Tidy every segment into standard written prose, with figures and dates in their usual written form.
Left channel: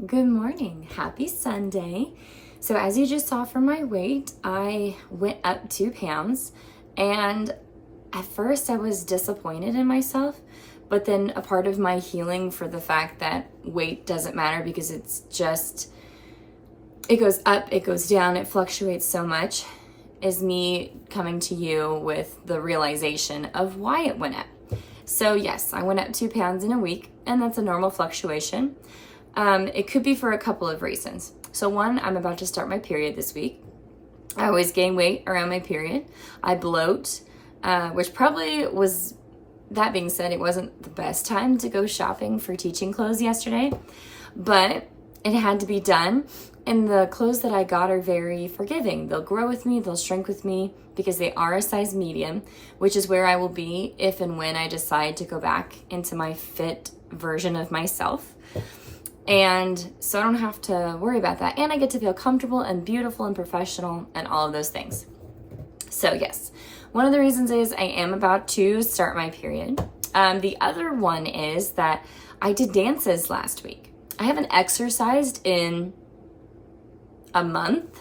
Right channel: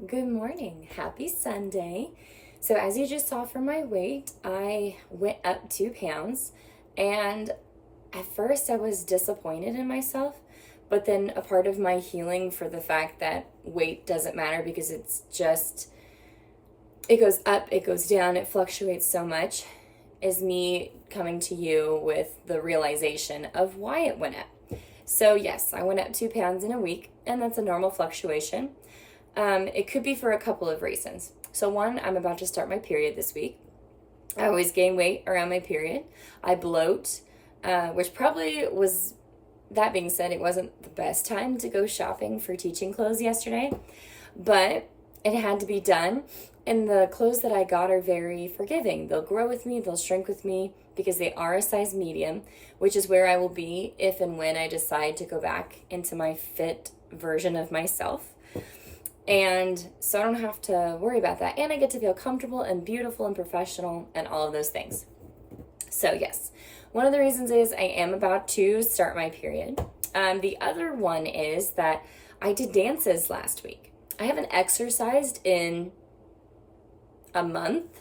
Good morning. Happy Sunday. So as you just saw from my weight, I went up 2 pounds, and at first I was disappointed in myself, but then a part of my healing for the fact that weight doesn't matter because it goes up, it goes down, it fluctuates so much, is me coming to you with the realization of why it went up. So yes, I went up 2 pounds in a week, and that's a normal fluctuation. It could be for a couple of reasons. So one, I'm about to start my period this week. I always gain weight around my period. I bloat, which probably was, that being said, it wasn't the best time to go shopping for teaching clothes yesterday, but it had to be done. And the clothes that I got are very forgiving. They'll grow with me, they'll shrink with me because they are a size medium, which is where I will be if and when I decide to go back into my fit version of myself. And so I don't have to worry about that. And I get to feel comfortable and beautiful and professional and all of those things. So yes, one of the reasons is I am about to start my period. The other one is that I did dances last week. I haven't exercised in a month,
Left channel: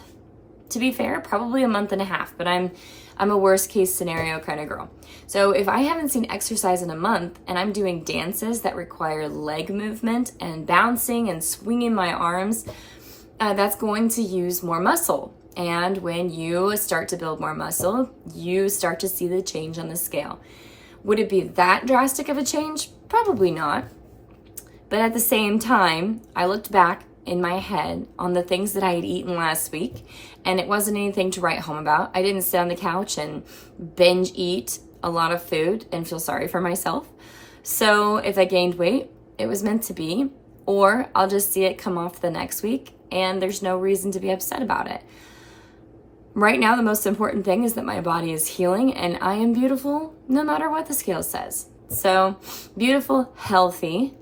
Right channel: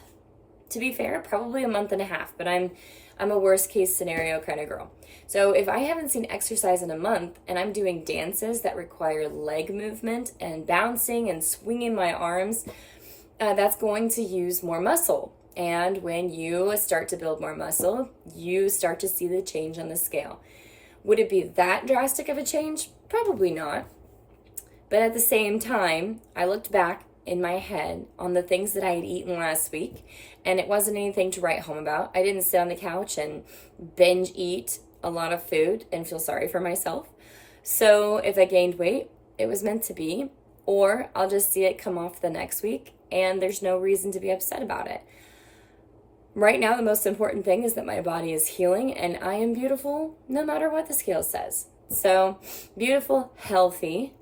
to be fair, probably a month and a half, but I'm a worst case scenario kind of girl. So if I haven't seen exercise in a month and I'm doing dances that require leg movement and bouncing and swinging my arms, that's going to use more muscle. And when you start to build more muscle, you start to see the change on the scale. Would it be that drastic of a change? Probably not. But at the same time, I looked back in my head on the things that I had eaten last week, and it wasn't anything to write home about. I didn't sit on the couch and binge eat a lot of food and feel sorry for myself. So if I gained weight, it was meant to be, or I'll just see it come off the next week and there's no reason to be upset about it. Right now, the most important thing is that my body is healing and I am beautiful no matter what the scale says. So beautiful, healthy,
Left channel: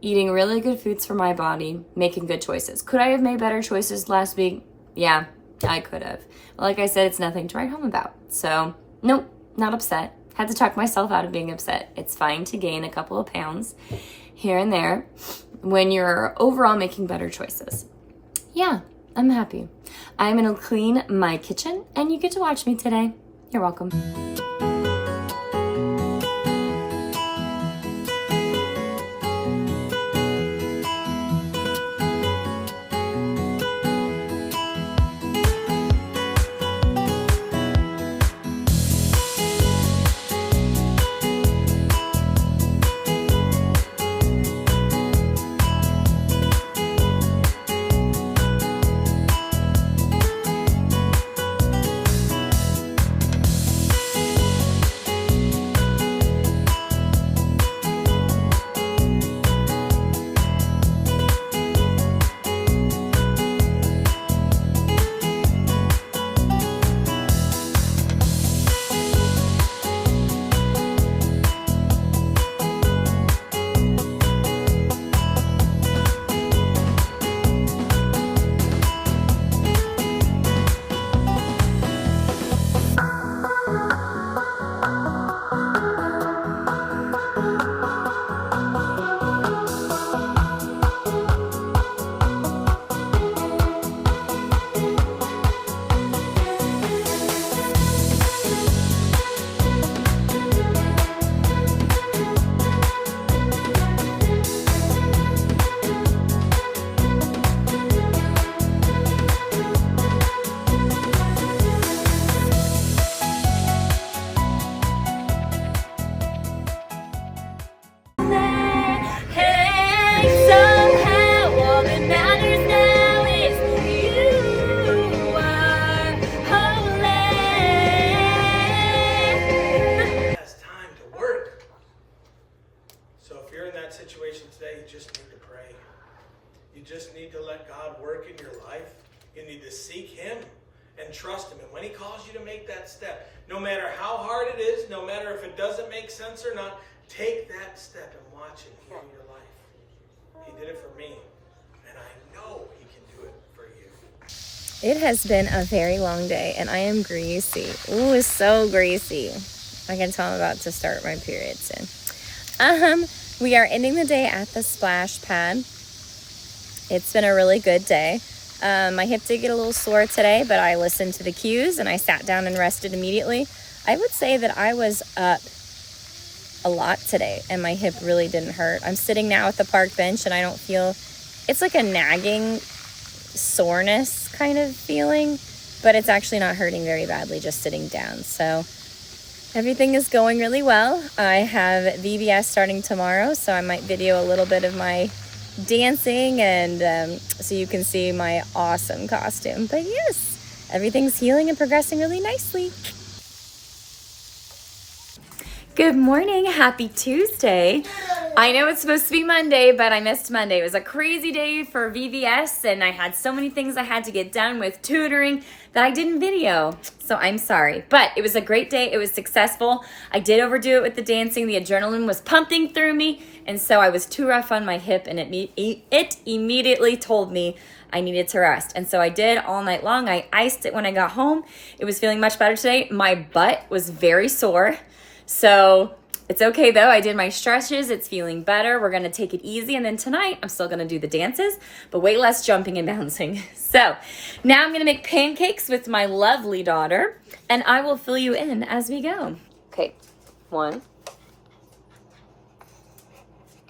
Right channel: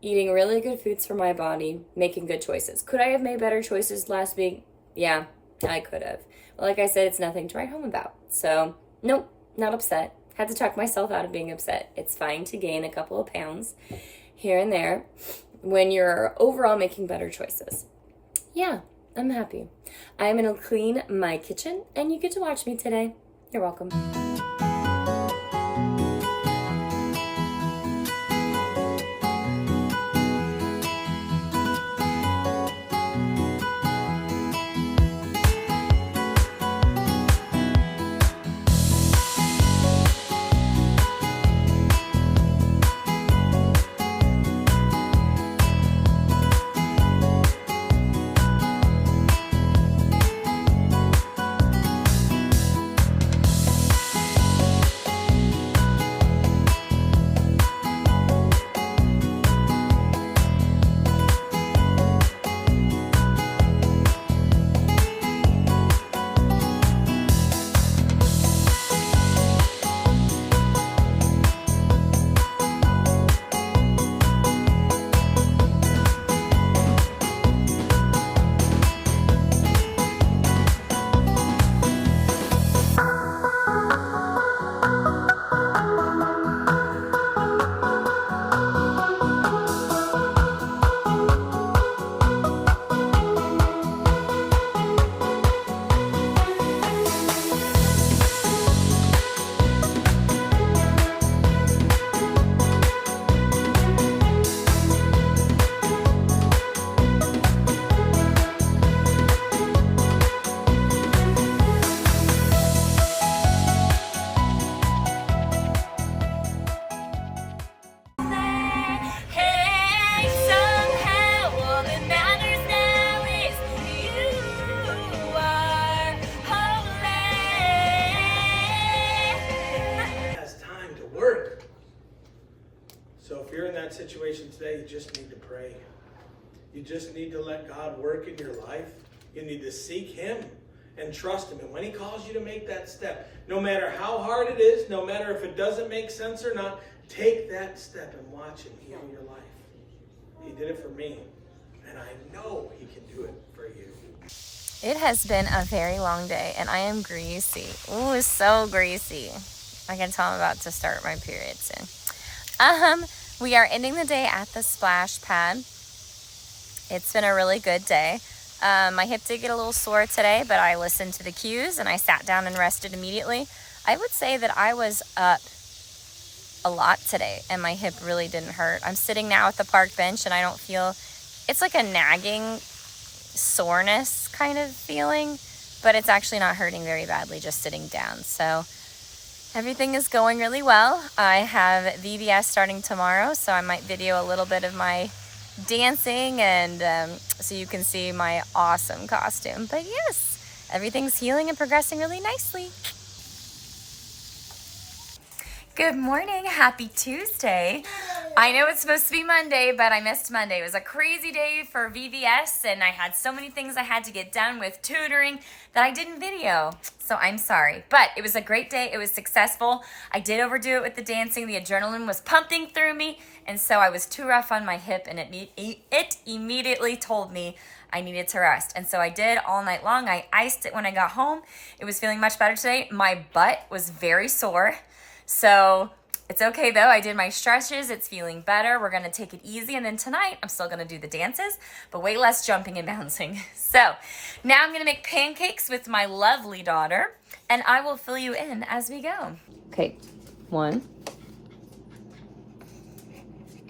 eating really good foods for my body, making good choices. Could I have made better choices last week? Yeah, I could have. But like I said, it's nothing to write home about. So nope, not upset. Had to talk myself out of being upset. It's fine to gain a couple of pounds here and there when you're overall making better choices. Yeah, I'm happy. I'm gonna clean my kitchen and you get to watch me today. You're welcome. Situation today, you just need to pray. You just need to let God work in your life. You need to seek Him and trust Him. And when He calls you to make that step, no matter how hard it is, no matter if it doesn't make sense or not, take that step and watch Him heal your life. He did it for me, and I know He can do it for you. It has been a very long day and I am greasy. Ooh, so greasy. I can tell I'm about to start my period soon. We are ending the day at the splash pad. It's been a really good day. My hip did get a little sore today, but I listened to the cues and I sat down and rested immediately. I would say that I was up a lot today and my hip really didn't hurt. I'm sitting now at the park bench and I don't feel, it's like a nagging soreness kind of feeling, but it's actually not hurting very badly just sitting down. So everything is going really well. I have VBS starting tomorrow, so I might video a little bit of my dancing and so you can see my awesome costume. But yes, everything's healing and progressing really nicely. Good morning, happy Tuesday. I know it's supposed to be Monday, but I missed Monday. It was a crazy day for VBS and I had so many things I had to get done with tutoring that I didn't video. So I'm sorry, but it was a great day. It was successful. I did overdo it with the dancing. The adrenaline was pumping through me. And so I was too rough on my hip and it immediately told me I needed to rest. And so I did all night long. I iced it when I got home. It was feeling much better today. My butt was very sore. So it's okay though. I did my stretches. It's feeling better. We're going to take it easy. And then tonight I'm still going to do the dances, but way less jumping and bouncing. So now I'm going to make pancakes with my lovely daughter and I will fill you in as we go. Okay. 1.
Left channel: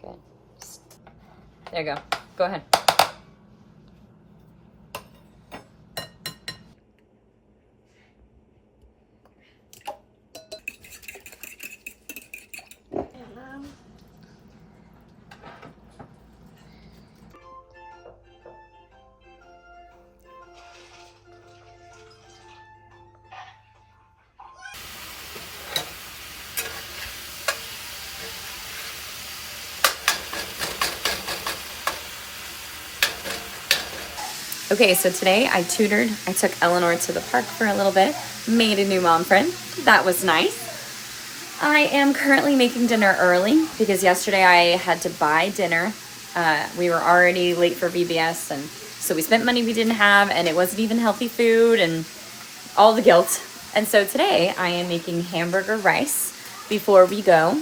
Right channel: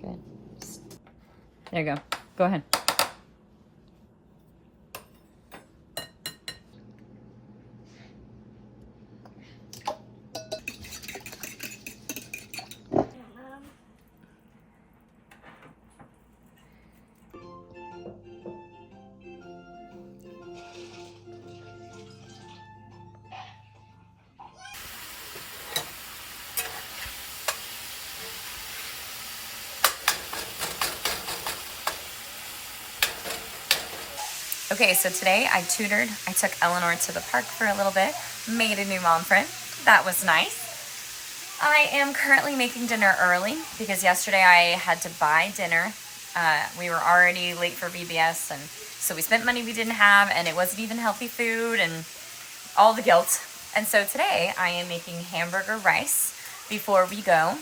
Good. There you go. Go ahead. Okay, so today I took Eleanor to the park for a little bit, made a new mom friend. That was nice. I am currently making dinner early because yesterday I had to buy dinner. We were already late for VBS and so we spent money we didn't have and it wasn't even healthy food and all the guilt. And so today I am making hamburger rice before we go.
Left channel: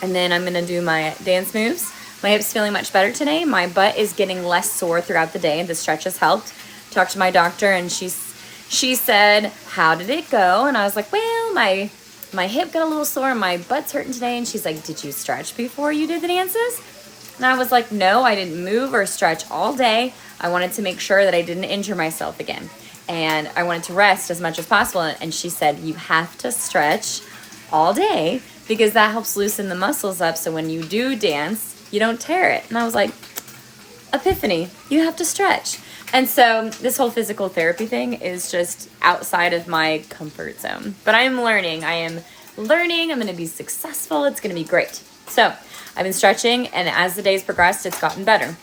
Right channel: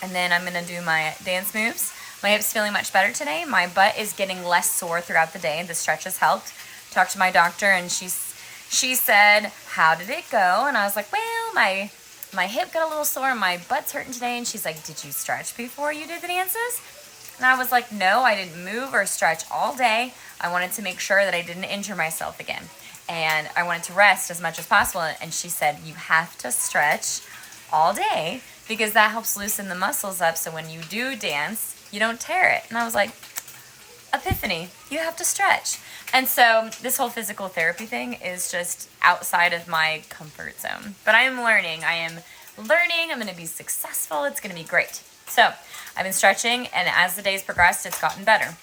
And then I'm gonna do my dance moves. My hip's feeling much better today. My butt is getting less sore throughout the day. The stretch has helped. Talked to my doctor and she said, how did it go? And I was like, well, my hip got a little sore and my butt's hurting today. And she's like, did you stretch before you did the dances? And I was like, no, I didn't move or stretch all day. I wanted to make sure that I didn't injure myself again. And I wanted to rest as much as possible. And she said, you have to stretch all day because that helps loosen the muscles up. So when you do dance, you don't tear it. And I was like, epiphany, you have to stretch. And so this whole physical therapy thing is just outside of my comfort zone. But I'm learning. I'm going to be successful. It's going to be great. So I've been stretching and as the days progressed, it's gotten better.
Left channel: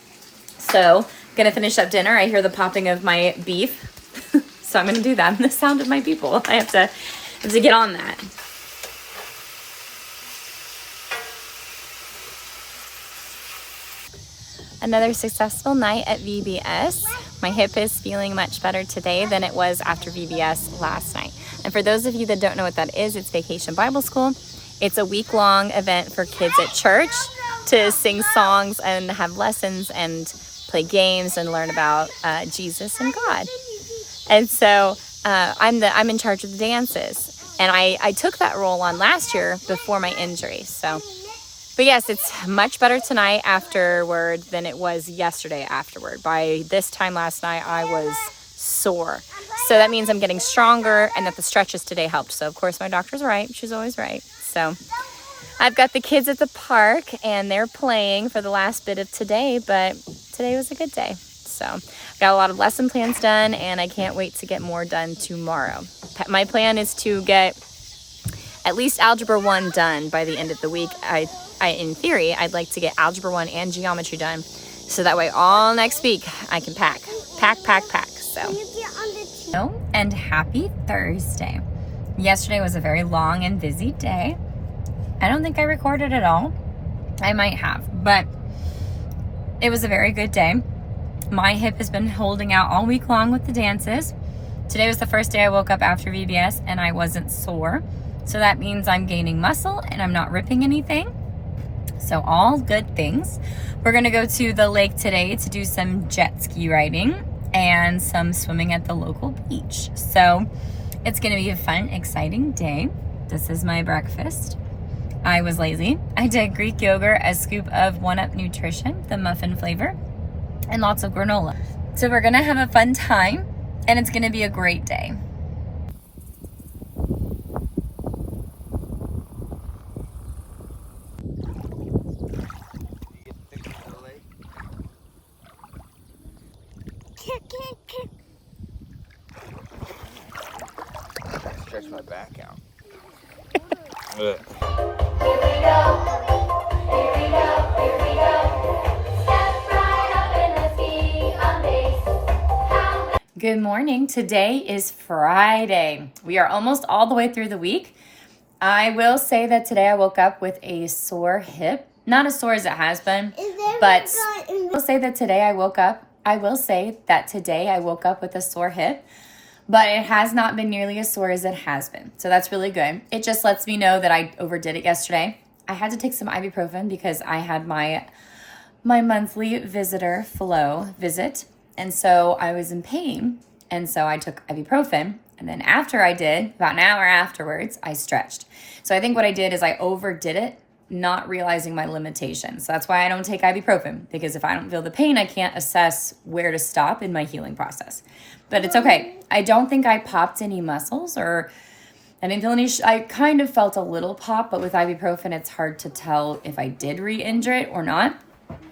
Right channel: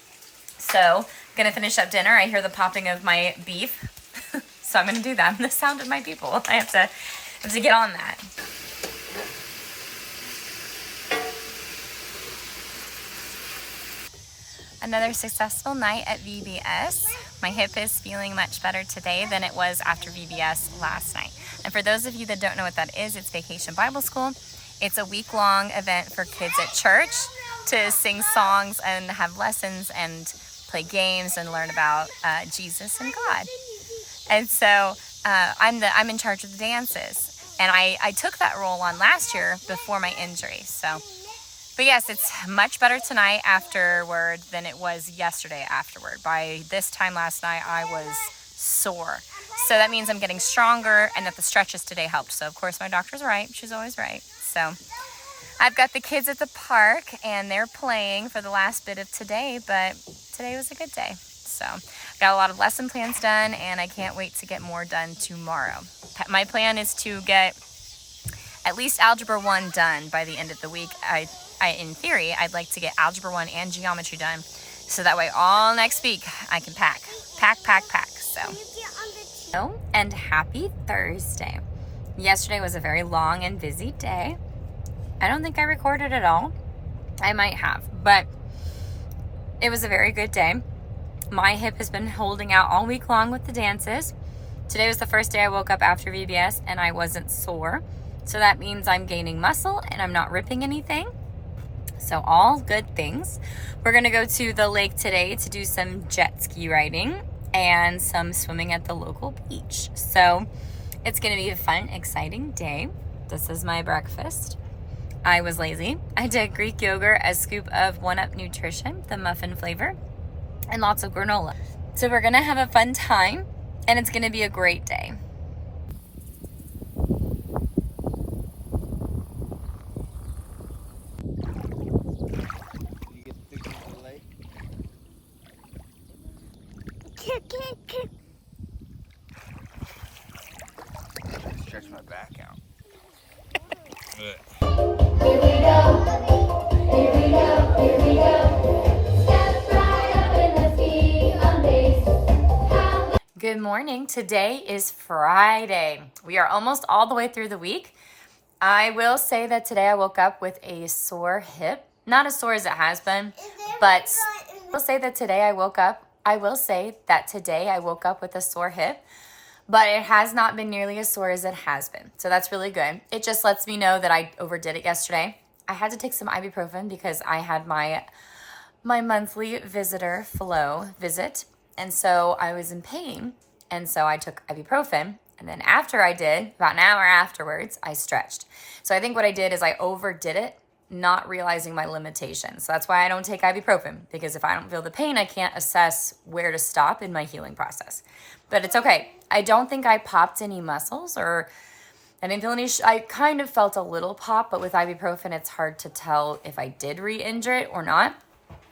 So I'm going to finish up dinner. I hear the popping of my beef. So I'm going to do that. And the sound of my people. I have to get on that. Another successful night at VBS. My hip is feeling much better today than it was after VBS last night. And for those of you that don't know what that is, it's Vacation Bible School. It's a week-long event for kids at church to sing songs and have lessons and play games and learn about Jesus and God. And so I'm in charge of the dances. And I took that role on last year before my injury. But yes, it's much better tonight afterwards than it was yesterday afterward. By this time last night, I was sore. So that means I'm getting stronger and that the stretches today helped. So of course my doctor's right. She's always right. So I've got the kids at the park and they're playing for the last bit of today, but today was a good day. So got a lot of lesson plans done and I can't wait to get more done tomorrow. My plan is to get at least Algebra 1 done by the end of the week. In theory, I'd like to get Algebra 1 and Geometry done. So that way all next week I can pack. So, and happy Thursday. Yesterday was a very long and busy day. I don't think I recorded it all. I might have, but it was a very good day. My hip has been holding out all week long with the dances. Today was the first day I woke up after VBS and I wasn't sore. So that means I'm gaining muscle and I'm not ripping anything. So all good things. We're gonna go to the lake today to do some jet ski riding and some swimming at the local beach. So it's gonna be a fun, exciting day. This is my breakfast. I was lazy. I did Greek yogurt, a scoop of 1UP Nutrition, the muffin flavor, and lots of granola. So we're gonna have a fun time, and it's gonna be a great day. Stretch my back out. Here we go. Step right up and let's be amazed. Good morning. Today is Friday. We are almost all the way through the week. I will say that today I woke up with a sore hip. Not as sore as it has been, but I will say that today I woke up with a sore hip, but it has not been nearly as sore as it has been. So that's really good. It just lets me know that I overdid it yesterday. I had to take some ibuprofen because I had my monthly visitor flow visit. And so I was in pain. And so I took ibuprofen. And then after I did, about an hour afterwards, I stretched. So I think what I did is I overdid it, not realizing my limitations. So that's why I don't take ibuprofen, because if I don't feel the pain, I can't assess where to stop in my healing process. But it's okay. I don't think I popped any muscles, or I didn't feel any, I kind of felt a little pop, but with ibuprofen, it's hard to tell if I did re-injure it or not.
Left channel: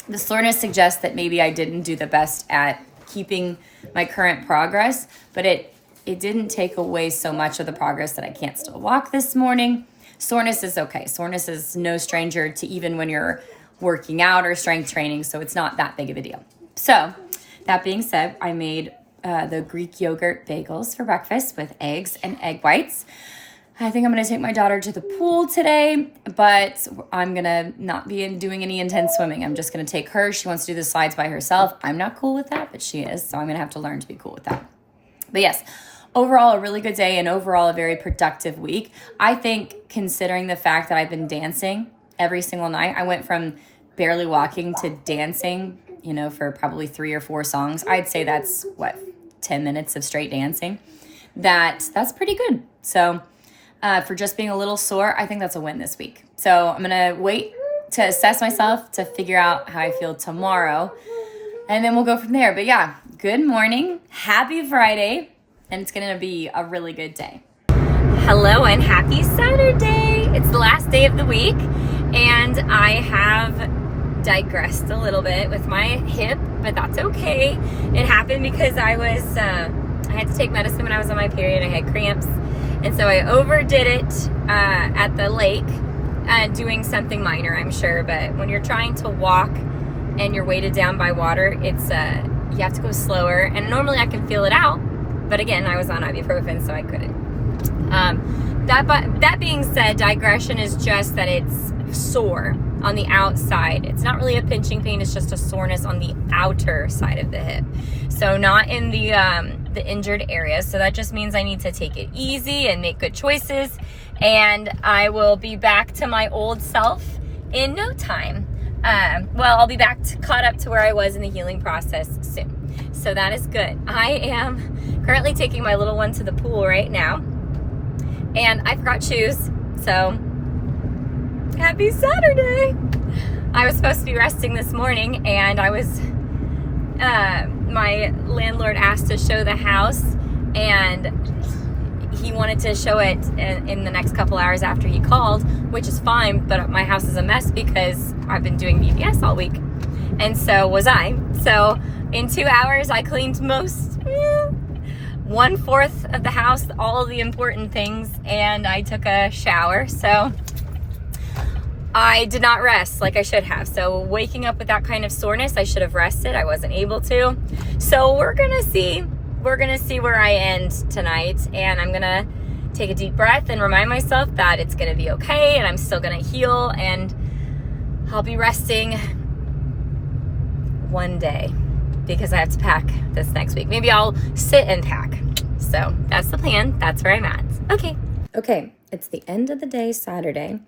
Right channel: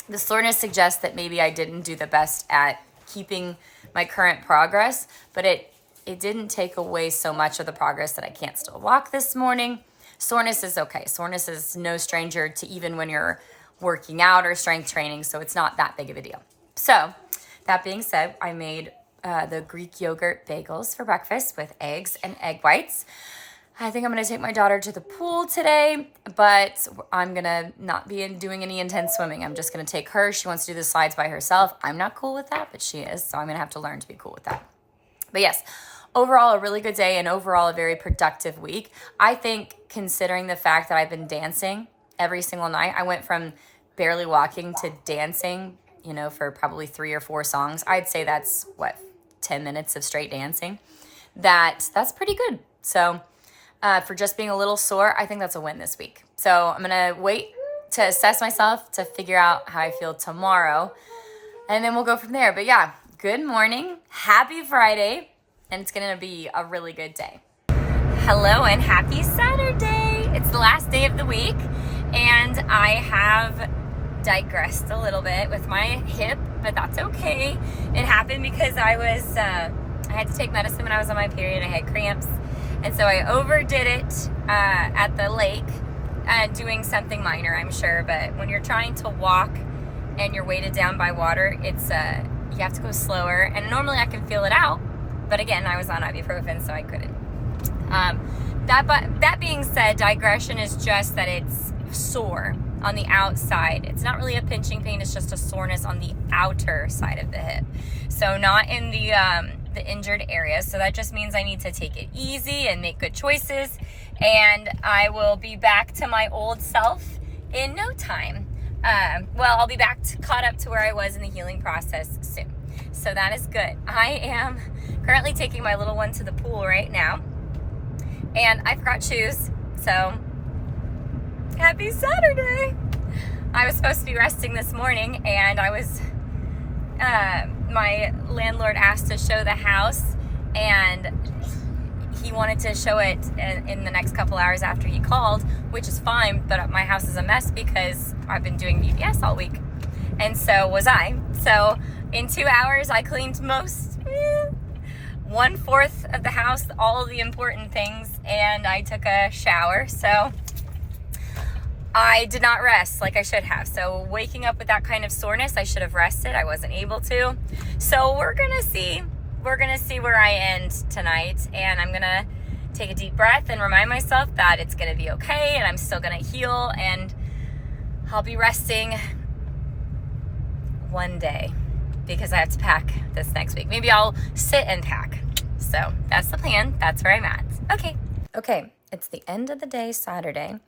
The soreness suggests that maybe I didn't do the best at keeping my current progress, but it didn't take away so much of the progress that I can't still walk this morning. Soreness is okay. Soreness is no stranger to even when you're working out or strength training, so it's not that big of a deal. So that being said, I made the Greek yogurt bagels for breakfast with eggs and egg whites. I think I'm going to take my daughter to the pool today, but I'm going to not be doing any intense swimming. I'm just going to take her. She wants to do the slides by herself. I'm not cool with that, but she is, so I'm going to have to learn to be cool with that. But yes, overall, a really good day, and overall a very productive week. I think, considering the fact that I've been dancing every single night, I went from barely walking to dancing, for probably 3 or 4 songs. I'd say that's 10 minutes of straight dancing. That's pretty good. So for just being a little sore, I think that's a win this week. So I'm going to wait to assess myself to figure out how I feel tomorrow, and then we'll go from there. But yeah, good morning. Happy Friday. And it's going to be a really good day. Hello and happy Saturday. It's the last day of the week, and I have digressed a little bit with my hip, but that's okay. It happened because I had to take medicine when I was on my period. I had cramps, and so I overdid it at the lake, doing something minor, I'm sure. But when you're trying to walk and you're weighted down by water, you have to go slower. And normally I can feel it out. But again, I was on ibuprofen, so I couldn't. That being said, digression is just that it's sore on the outside. It's not really a pinching pain, it's just a soreness on the outer side of the hip. So not in the injured area. So that just means I need to take it easy and make good choices. And I will be back to my old self in no time. I'll be back caught up to where I was in the healing process soon. So that is good. I am currently taking my little one to the pool right now, and I forgot shoes, so happy Saturday. I was supposed to be resting this morning, and my landlord asked to show the house, and he wanted to show it in the next couple hours after he called, which is fine, but my house is a mess because I've been doing VBS all week, and so was I. So in 2 hours, I cleaned 1/4 of the house, all of the important things, and I took a shower. So I did not rest like I should have. So waking up with that kind of soreness, I should have rested. I wasn't able to. So we're gonna see where I end tonight, and I'm gonna take a deep breath and remind myself that it's gonna be okay, and I'm still gonna heal, and I'll be resting one day because I have to pack this next week. Maybe I'll sit and pack. So that's the plan. That's where I'm at. Okay, it's the end of the day, Saturday,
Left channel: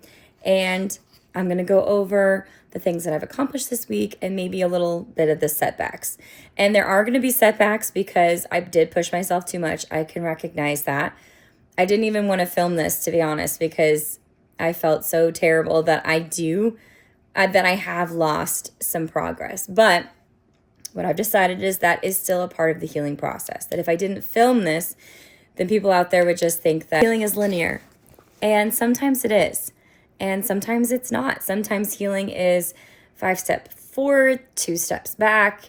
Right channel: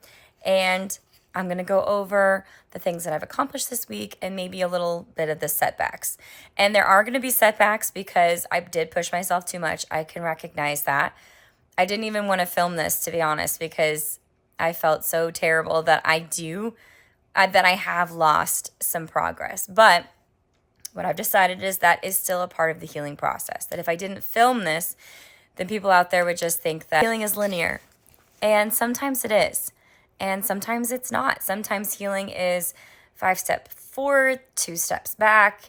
and I'm going to go over the things that I've accomplished this week and maybe a little bit of the setbacks. And there are going to be setbacks because I did push myself too much. I can recognize that. I didn't even want to film this, to be honest, because I felt so terrible that I have lost some progress. But what I've decided is that is still a part of the healing process. That if I didn't film this, then people out there would just think that healing is linear. And sometimes it is. And sometimes it's not. Sometimes healing is 5 steps forward, 2 steps back.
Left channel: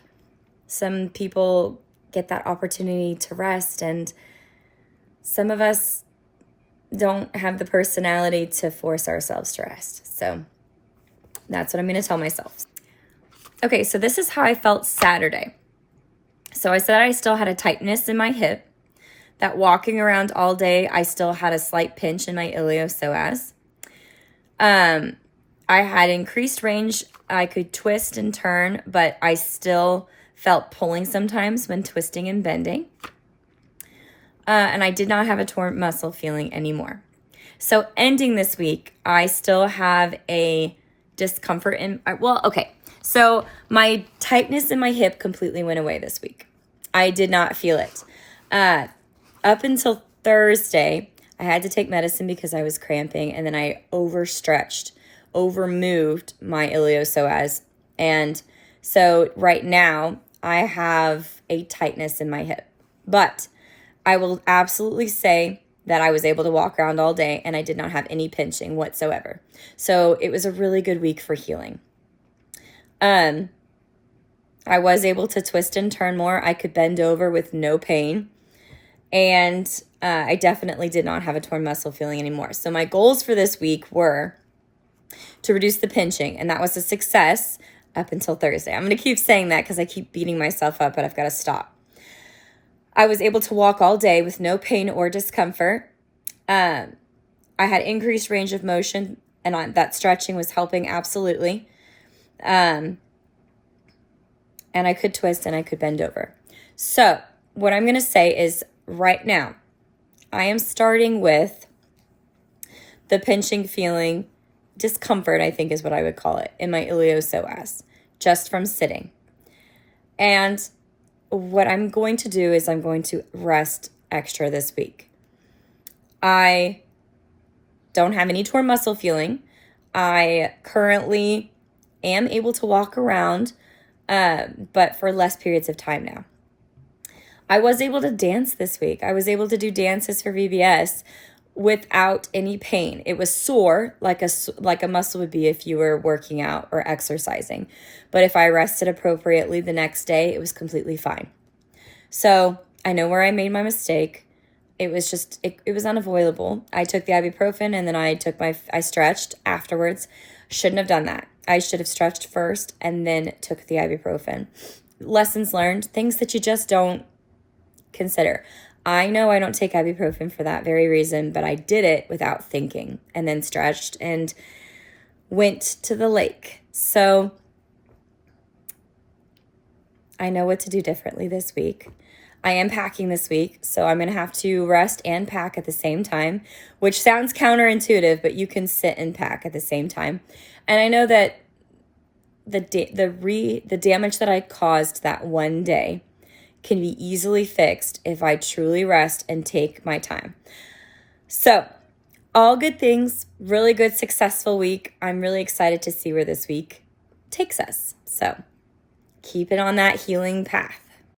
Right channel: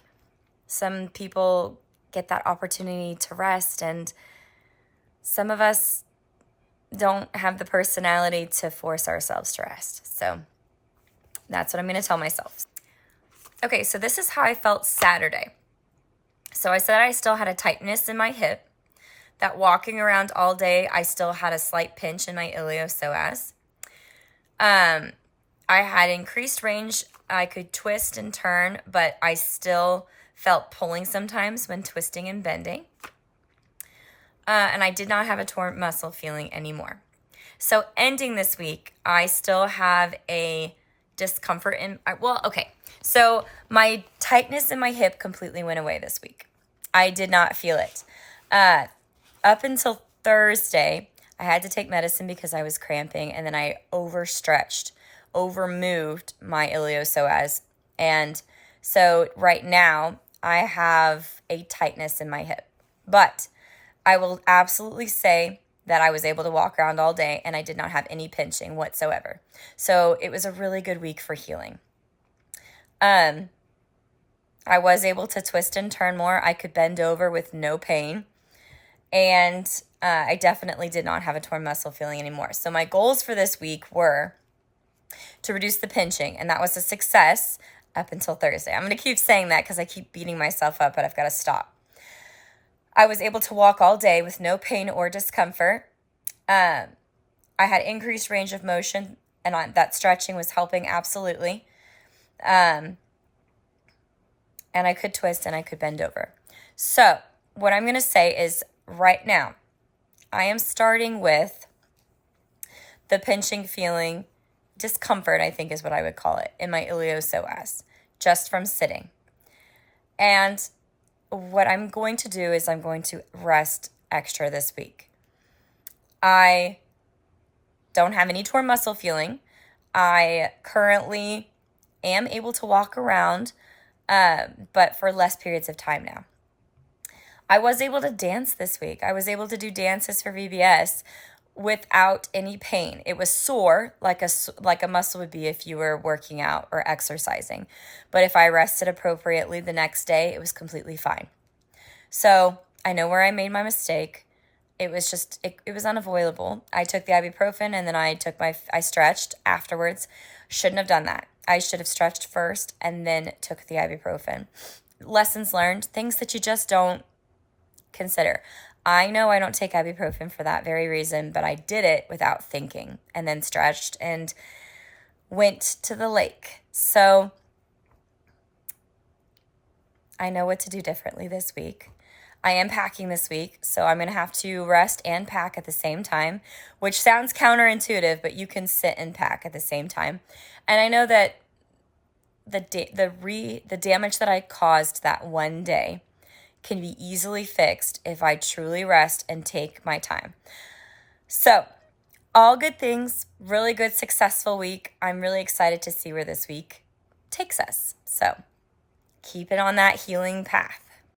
Some people get that opportunity to rest, and some of us don't have the personality to force ourselves to rest. So that's what I'm going to tell myself. Okay, so this is how I felt Saturday. So I said I still had a tightness in my hip, that walking around all day, I still had a slight pinch in my iliopsoas. I had increased range. I could twist and turn, but I still felt pulling sometimes when twisting and bending. And I did not have a torn muscle feeling anymore. So ending this week, I still have a discomfort in, so my tightness in my hip completely went away this week. I did not feel it. Up until Thursday, I had to take medicine because I was cramping, and then I overstretched, overmoved my iliopsoas. And so right now, I have a tightness in my hip. But I will absolutely say that I was able to walk around all day, and I did not have any pinching whatsoever. So it was a really good week for healing. I was able to twist and turn more. I could bend over with no pain. And I definitely did not have a torn muscle feeling anymore. So my goals for this week were to reduce the pinching, and that was a success up until Thursday. I'm going to keep saying that because I keep beating myself up, but I've got to stop. I was able to walk all day with no pain or discomfort. I had increased range of motion, and that stretching was helping absolutely. And I could twist and I could bend over. So what I'm going to say is right now, I am starting with the pinching feeling, discomfort, I think is what I would call it, in my iliopsoas, just from sitting. And what I'm going to do is I'm going to rest extra this week. I don't have any torn muscle feeling. I currently am able to walk around, but for less periods of time now. I was able to dance this week. I was able to do dances for VBS without any pain. It was sore, like a muscle would be if you were working out or exercising. But if I rested appropriately the next day, it was completely fine. So I know where I made my mistake. It was just, it was unavoidable. I took the ibuprofen and then I stretched afterwards. Shouldn't have done that. I should have stretched first and then took the ibuprofen. Lessons learned, things that you just don't consider. I know I don't take ibuprofen for that very reason, but I did it without thinking and then stretched and went to the lake. So I know what to do differently this week. I am packing this week, so I'm going to have to rest and pack at the same time, which sounds counterintuitive, but you can sit and pack at the same time. And I know that the damage that I caused that one day can be easily fixed if I truly rest and take my time. So, all good things, really good, successful week. I'm really excited to see where this week takes us. So, keep it on that healing path.